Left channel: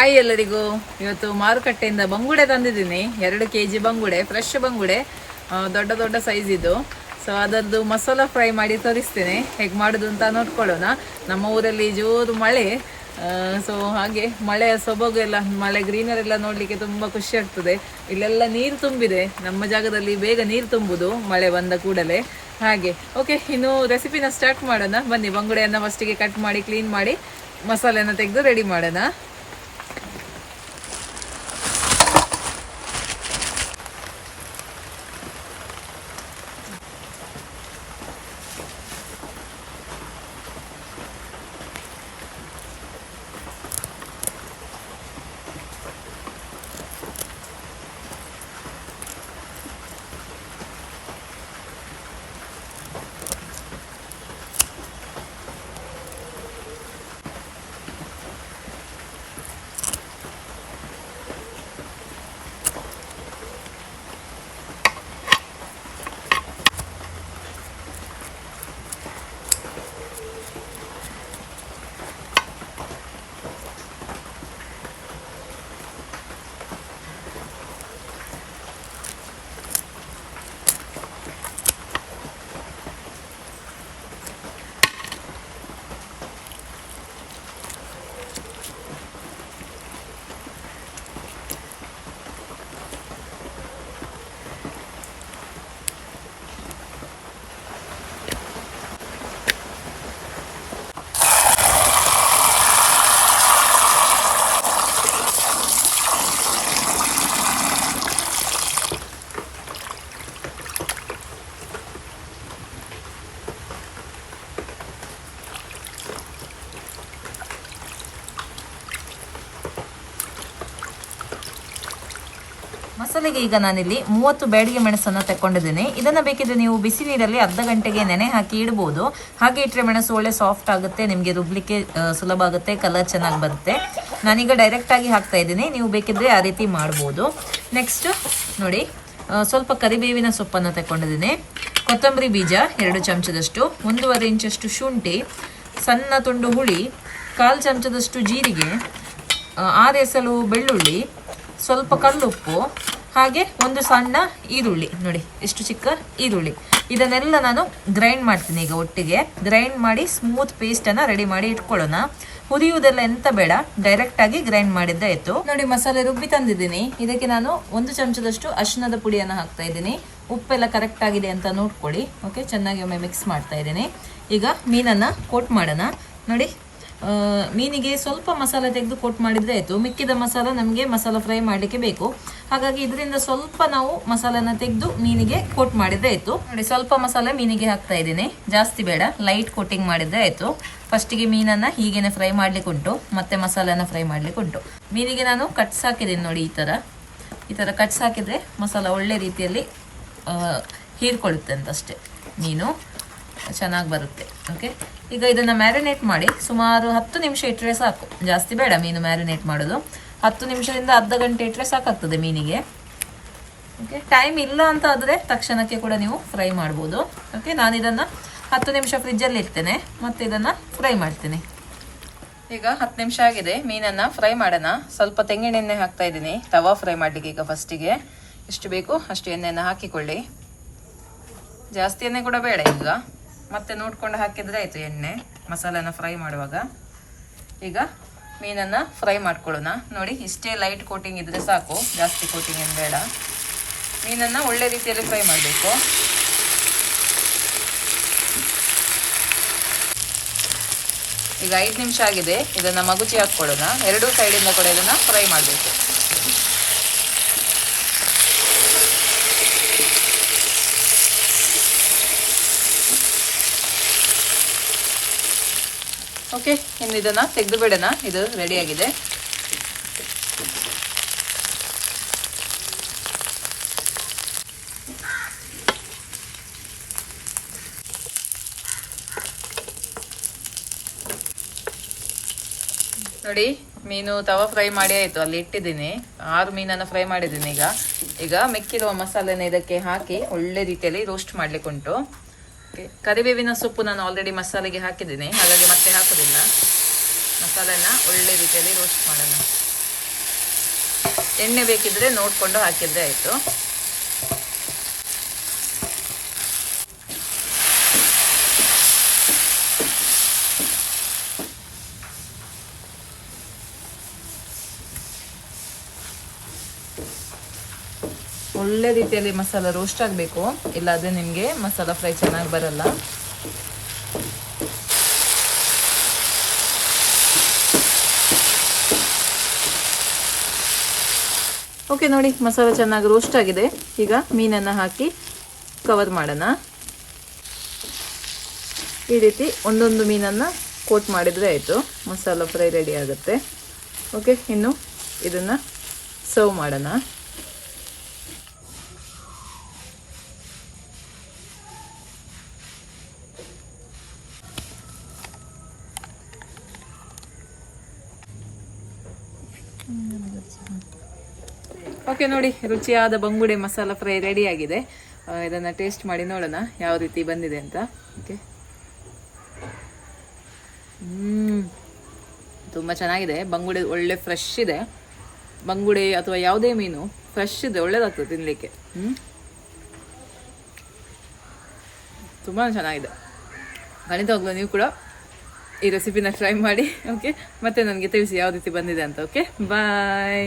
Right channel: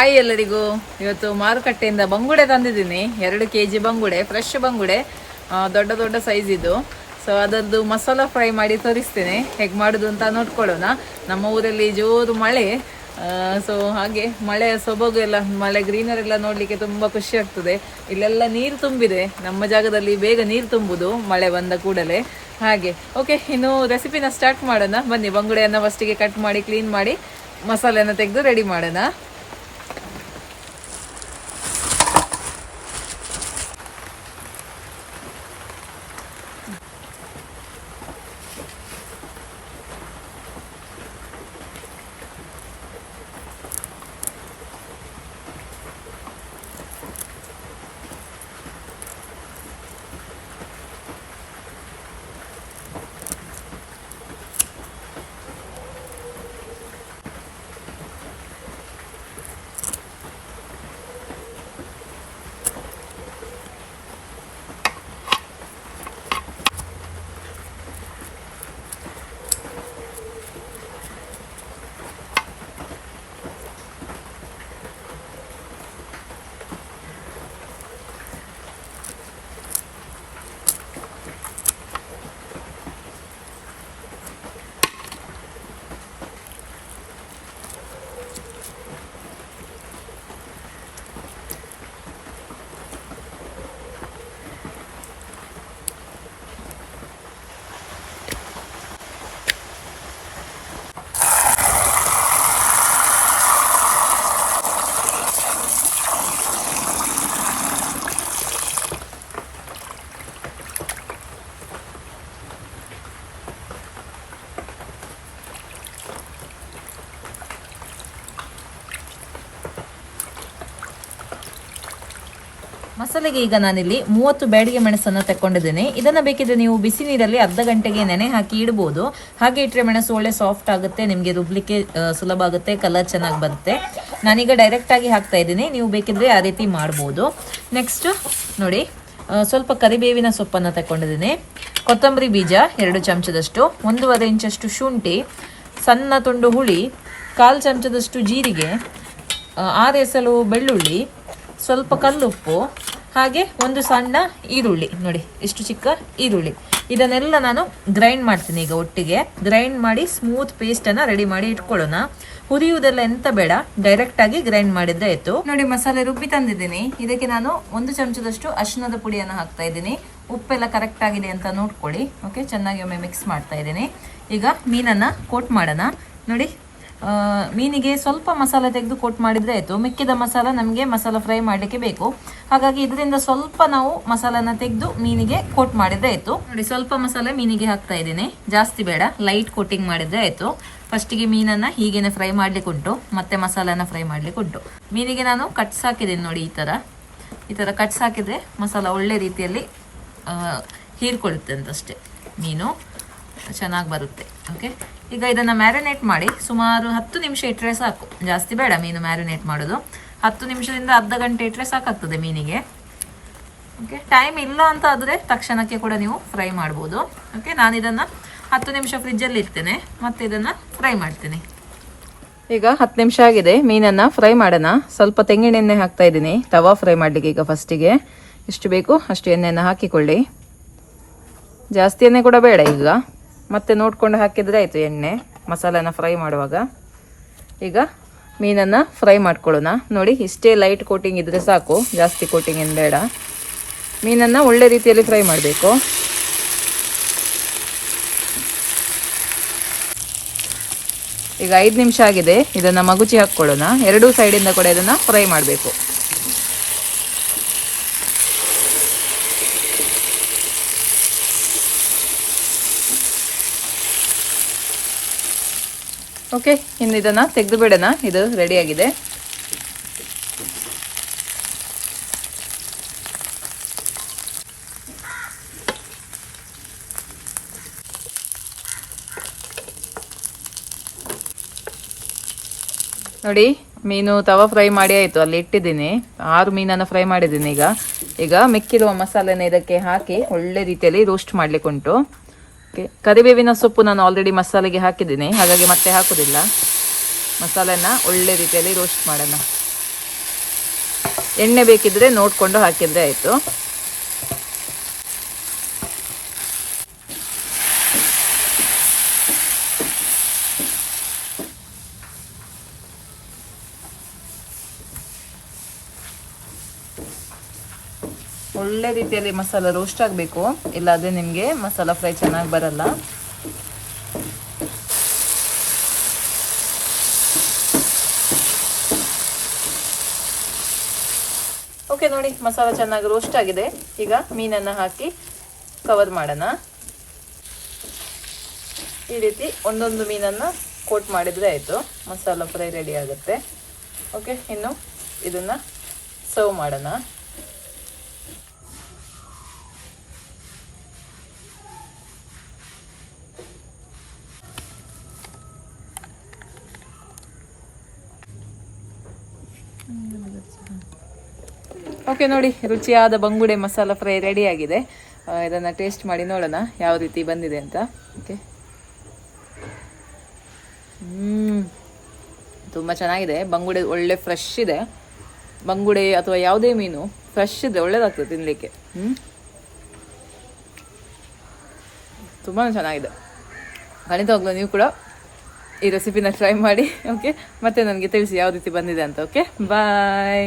Hi ಎಲ್ಲರಿಗೂ. ಇವತ್ತು ಮಾರುಕಟ್ಟೆಯಿಂದ ಬಂಗುಡೆ ತಂದಿದ್ದೀನಿ. 2 kg ಬಂಗುಡೆ, ಫ್ರೆಶ್ ಬಂಗುಡೆ, ದೊಡ್ಡ ದೊಡ್ಡ ಸೈಜ್ ಇದು. ಸೊ ಅದರದ್ದು ಮಸಾಲ ಫ್ರೈ ಮಾಡಿ ತೋರಿಸ್ತೇನೆ, ಹೇಗೆ ಮಾಡೋದು ಅಂತ ನೋಡ್ಕೊಳ್ಳೋಣ. ನಮ್ಮ ಊರಲ್ಲಿ ಜೋರು ಮಳೆ, ಸೊ ಹಾಗೆ ಮಳೆಯ ಸೊಬಗು ಎಲ್ಲ, ಮಳೆ ಗ್ರೀನರ್ ಎಲ್ಲ ನೋಡ್ಲಿಕ್ಕೆ ತುಂಬಾ ಖುಷಿ ಆಗ್ತದೆ. ಇಲ್ಲೆಲ್ಲ ನೀರು ತುಂಬಿದೆ, ನಮ್ಮ ಜಾಗದಲ್ಲಿ ಬೇಗ ನೀರು ತುಂಬುದು ಮಳೆ ಬಂದ ಕೂಡಲೇ. ಹಾಗೆ ಓಕೆ, ಇನ್ನು ರೆಸಿಪಿನ ಸ್ಟಾರ್ಟ್ ಮಾಡೋಣ ಬನ್ನಿ. ಬಂಗುಡೆಯನ್ನ ಫಸ್ಟಿಗೆ ಕಟ್ ಮಾಡಿ ಕ್ಲೀನ್ ಮಾಡಿ ಮಸಾಲೆನ ತೆಗೆದು ರೆಡಿ ಮಾಡೋಣ. ಮಸಾಲೆಗೆ ಈಗ ನಾನಿಲ್ಲಿ 30 ಬ್ಯಾಡಿಗೆ ಮೆಣಸನ್ನು ತಗೊಂಡಿದ್ದೇನೆ. ಇದನ್ನ ಬೇಕಿದ್ರೆ ನೀವು ಬಿಸಿ ನೀರಲ್ಲಿ ಅರ್ಧ ಗಂಟೆಗೆ ನೆನೆ ಹಾಕಿ ಇಡಬಹುದು. ಹಾಗೆ ಇಟ್ಟರೆ ಮೆಣಸು ಒಳ್ಳೆ ಸಾಫ್ಟ್ ಆಗುತ್ತೆ, ನಿಮಗೆ ರುಬ್ಲಿಕ್ಕೆ ಸುಲಭ ಆಗುತ್ತೆ, ಕಲರ್ ಚೆನ್ನಾಗಿ ಬರುತ್ತೆ. ನಾನೀಗ ಡೈರೆಕ್ಟ್ ಆಗಿ ಹಾಕ್ತಾ ಇದ್ದೀನಿ, ನೀವು ಬೇಕಿದ್ರೆ ಆ ರೀತಿ ಮಾಡ್ಬೋದು. ನೆಕ್ಸ್ಟ್ ನೋಡಿ, ಸ್ವಲ್ಪ ಕರಿಬೇವಿನ ಸೊಪ್ಪನ್ನು ತಗೊಂಡಿದ್ದೀನಿ, ಕೊತ್ತಂಬರಿ ಬೀಜ 2 ಚಮಚದಷ್ಟು, 1.5 ಇಂಚಷ್ಟು ಶುಂಠಿ, ಸಣ್ಣ ತುಂಡು ಹುಳಿ, 1/4 ಚಮಚದಷ್ಟು ಜೀರಿಗೆ, 6 ಎಸಳು ಬೆಳ್ಳುಳ್ಳಿ, ಸ್ವಲ್ಪ ಕಲ್ಲುಪ್ಪು, ಹಾಗೆ ಒಂದು ಸಣ್ಣ ಈರುಳ್ಳಿ, ನೋಡಿ ಎಷ್ಟು ಚಿಕ್ಕ ಈರುಳ್ಳಿ. ಇದನ್ನೆಲ್ಲ ನಾನು ಗ್ರೈಂಡ್ ಮಾಡ್ತೀನಿ. ಈಗ ಒಟ್ಟಿಗೆ ಗ್ರೈಂಡ್ ಮಾಡಿ ಸ್ಮೂತ್ ಪೇಸ್ಟನ್ನು ರೆಡಿ ಮಾಡಿ ಇಟ್ಕೊಳ್ಳೋಣ. ಹುರಿಯುವುದೆಲ್ಲ ಎಂತ ಬೇಡ, ಡೈರೆಕ್ಟ್ ಆಗಿ ಗ್ರೈಂಡ್ ಮಾಡಿದ್ರೆ ಆಯ್ತು. ನೋಡಿ, ಮಸಾಲೆ ರುಬ್ಬಿ ತಂದಿದ್ದೀನಿ. ಇದಕ್ಕೆ ನಾನು 1 ಚಮಚದಷ್ಟು ಅರಿಶಿಣದ ಪುಡಿಯನ್ನು ಹಾಕ್ತಾ ಇದ್ದೀನಿ. ಉಪ್ಪೆಲ್ಲ ಕರೆಕ್ಟ್ ಆಗಿದೆ ಅಂತ ನೋಡ್ಕೊಳ್ಳಿ. ಓಕೆ, ಚೆನ್ನಾಗಿ ಒಮ್ಮೆ ಮಿಕ್ಸ್ ಮಾಡ್ತಾ ಇದ್ದೀನಿ. ಈಗ ಮೀನನ್ನು ಕೋಟ್ ಮಾಡೋಣ. ನೋಡಿ, ಮೀನಿಗೆ ಸ್ವಲ್ಪ ಮಸಾಲೆ ತೆಗೆದು ಕೋಟ್ ಮಾಡಿದ್ರೆ ಆಯಿತು. ಮಿಕ್ಕಿದ ಮಸಾಲ ನಮಗೆ ಮಸಾಲ ಫ್ರೈ ಮಾಡಲಿಕ್ಕೆ ಬೇಕು. ಹಾಗಾಗಿ ಇದರಿಂದ ಸ್ವಲ್ಪ ನಾವು ಮಸಾಲನ ತೆಗೆದು ಮೀನಿಗೆ ಕೋಟ್ ಮಾಡಿದ್ರೆ ಆಯಿತು. ನೋಡಿ, ಸ್ವಲ್ಪ ಮಸಾಲೆ ಮೀನಿಗೆ ಹಾಕ್ತಾ ಇದ್ದೀನಿ, ಜಾಸ್ತಿ ಬೇಡ, ಲೈಟ್ ಕೋಟಿಂಗ್ ಮಾಡಿದ್ರೆ ಆಯಿತು. ಫಸ್ಟಿಗೆ ಮೀನನ್ನು ಹೀಗೇನೆ ಫ್ರೈ ಮಾಡ್ಲಿಕ್ಕೆ ಉಂಟು, ಮತ್ತೆ ಮಸಾಲೆನ ಫ್ರೈ ಮಾಡ್ಲಿಕ್ಕೆ ಉಂಟು. ಮೀನಿಗೆ ನಾನು ಕಟ್ಸ್ ಹಾಕಿದ್ದೀನಿ ನೋಡಿ, ಈ ಥರ ಕಟ್ಸ್ ಹಾಕಿದರೆ ಮಸಾಲ ಒಳ್ಳೆ ರೀತಿಯಲ್ಲಿ ಹೀರ್ಕೊಳ್ಳುತ್ತೆ ಅಂತಷ್ಟೇ, ಮೀನು ಚೆನ್ನಾಗಿ ಬರುತ್ತೆ. ಓಕೆ, ಈಗ ಇದನ್ನು ಮ್ಯಾರಿನೇಟ್ ಮಾಡಿ ಸುಮಾರು 10 ನಿಮಿಷ ಇಟ್ಟರೆ ಸಾಕು, ಜಾಸ್ತಿ ಬೇಡ ಮೀನು ಮ್ಯಾರಿನೇಟ್ ಮಾಡೋದು. 10 ನಿಮಿಷದಿಂದ ಅರ್ಧ ಗಂಟೆ ಇಟ್ಟರೆ ಸಾಕಾಗ್ತದೆ ಮೀನಿಗೆ. ಓಕೆ, ಟೈಮ್ ಇಲ್ಲ ಅಂತ ಆದರೆ ತಕ್ಷಣಕ್ಕೆ ಕೂಡ ನೀವು ಫ್ರೈ ಮಾಡ್ಬೋದು. ಓಕೆ, ನಾನು ಇದನ್ನು 10 ನಿಮಿಷ ಫ್ರಿಜ್ಜಲ್ಲಿ ಇಡ್ತೇನೆ, ಮತ್ತೆ ಇದನ್ನು ಫ್ರೈ ಮಾಡ್ತೀನಿ. ಈಗ 10 ನಿಮಿಷ ಆಗಿದೆ, ಮೀನನ್ನು ಫ್ರೈ ಮಾಡೋಣ. ಸ್ವಲ್ಪ ತೆಂಗಿನ ಎಣ್ಣೆ ಹಾಕ್ತಾ ಇದ್ದೀನಿ ತವಾ ಫ್ರೈ ಮಾಡಲಿಕ್ಕೆ. ಈಗ ಫಸ್ಟಿಗೆ ಎಷ್ಟು ಬೇಕು ಅಷ್ಟು ಎಣ್ಣೆಯನ್ನು ಹಾಕಿಕೊಳ್ಳಿ, ಜಾಸ್ತಿ ಎಣ್ಣೆ ಕೂಡ ಬೇಡ. ಈಗ ಮತ್ತೆ ನೋಡ್ಕೊಂಡು ಹಾಕಿದ್ರೆ ಆಯಿತು ಎಣ್ಣೆ ಮಸಾಲೆನ ಫ್ರೈ ಮಾಡುವಾಗ. ಈಗ ಮೀನನ್ನು ಫ್ರೈ ಮಾಡ್ಕೊಳ್ಳೋಣ. ನೋಡಿ, ಇಷ್ಟೇ ಲೈಟ್ ಕೋಟಿಂಗ್ ಇದ್ದರೆ ಸಾಕು, ಜಾಸ್ತಿ ಕೋಟಿಂಗ್ ಏನು ಬೇಡ. ಮೀನನ್ನು ಒಳ್ಳೆ ರೀತಿಯಲ್ಲಿ ಫ್ರೈ ಮಾಡಬೇಕು. ಈಗ 5 ನಿಮಿಷ ಆಗಿದೆ, ಇದನ್ನು ಮಗುಚಿ ಹಾಕ್ಕೊಳ್ಳೋಣ. 2 ಸೈಡಿಂದ ಕೂಡ ಇದನ್ನು ಫ್ರೈ ಮಾಡಬೇಕು. ಓಕೆ, ಇನ್ನು ಇದನ್ನು ತೆಗೆದು ಬಿಡೋಣ. ಇದು ರೆಡಿಯಾಗಿದೆ. ನೋಡಿ, ಮೀನು ತವಾ ಫ್ರೈ ಮಾಡಿ ಆಯಿತು, ಅಲ್ಲಿ ಇಟ್ಟಿದ್ದೀನಿ. 6 ಮೀನನ್ನು ಫ್ರೈ ಮಾಡಿದ್ದೀನಿ. ಈಗ ಮಿಕ್ಕಿರುವ ಮಸಾಲೆನ ಇದಕ್ಕೆ ಹಾಕಿ ಒಳ್ಳೆ ರೀತಿಯಲ್ಲಿ ರೋಸ್ಟ್ ಮಾಡ್ಲಿಕ್ಕೆ ಉಂಟು. ಕರಿಬೇವಿನ ಸೊಪ್ಪು ನಾನು ಆಲ್ರೆಡಿ ಮಸಾಲೆಗೆ ಹಾಕಿದ್ದೀನಿ, ಹಾಗಾಗಿ ಮತ್ತೆ ಹಾಕೋದಿಲ್ಲ. ಮಸಾಲೆನ ಒಳ್ಳೆ ರೀತಿಯಲ್ಲಿ ರೋಸ್ಟ್ ಮಾಡೋಣ. ಎಣ್ಣೆ ಬೇಕಿದ್ರೆ ನೋಡಿಕೊಂಡು ಹಾಕಿದ್ರೆ ಆಯಿತು. ಒಳ್ಳೆ ರೀತಿಯಲ್ಲಿ ಮಸಾಲ ರೋಸ್ಟ್ ಆಗಬೇಕು, ಇಲ್ಲಾಂದರೆ ನಿಮಗೆ ಮಸಾಲ ಫ್ರೈ ಚೆನ್ನಾಗಿ ಬರಲ್ಲ. ಓಕೆ ನೋಡಿ, ಮಸಾಲ ಚೆನ್ನಾಗಿ ರೋಸ್ಟ್ ಆಗಿದೆ. ಈಗ ಮೀನನ್ನು ಹಾಕಿ ಕವರ್ ಮಾಡೋಣ. ಈ ರೀತಿ ಒಂದೊಂದು ಮೀನನ್ನು ಕೋಟ್ ಮಾಡಿದರೆ ಆಯಿತು, ಮಸಾಲ ಫ್ರೈ ರೆಡಿ ಆಗುತ್ತೆ. ಓಕೆ, ಇನ್ನು ಇದನ್ನು ಸರ್ವ್ ಮಾಡೋಣ. ಓಕೆ ನೋಡಿ, ರುಚಿಯಾದ ಬಂಗುಡೆ ಮಸಾಲ ಫ್ರೈ ರೆಡಿ ಆಗಿದೆ. ಇದನ್ನು ಟೇಸ್ಟ್ ಮಾಡಿ ನೋಡೋಣ ಯಾವ ರೀತಿ ಬಂದಿದೆ ಅಂತ. ಓಕೆ, ತುಂಬ ಚೆನ್ನಾಗಿದೆ. ಬಂಗುಡೆ ಒಳ್ಳೆ ಫ್ರೆಶ್ ಇದೆ. ಬಂಗುಡೆ ಅಥವಾ ಯಾವುದೇ ಮೀನು ಫ್ರೆಶ್ ಇದೆ, ಒಳ್ಳೇದಾಗ್ತದೆ ತಿನ್ನಲಿಕ್ಕೆ. ತುಂಬ ಚೆನ್ನಾಗಿದೆ. ಖಂಡಿತವಾಗ್ಲೂ ನೀವು ಕೂಡ ಈ ರೆಸಿಪಿನ ಟ್ರೈ ಮಾಡಿ. ಓಕೆ, ಮತ್ತೆ ನನಗೆ ತಿಳಿಸಿ ಯಾವ ರೀತಿ ಬಂದಿದೆ ಅಂತ. ಓಕೆ, ಬಾಯ್.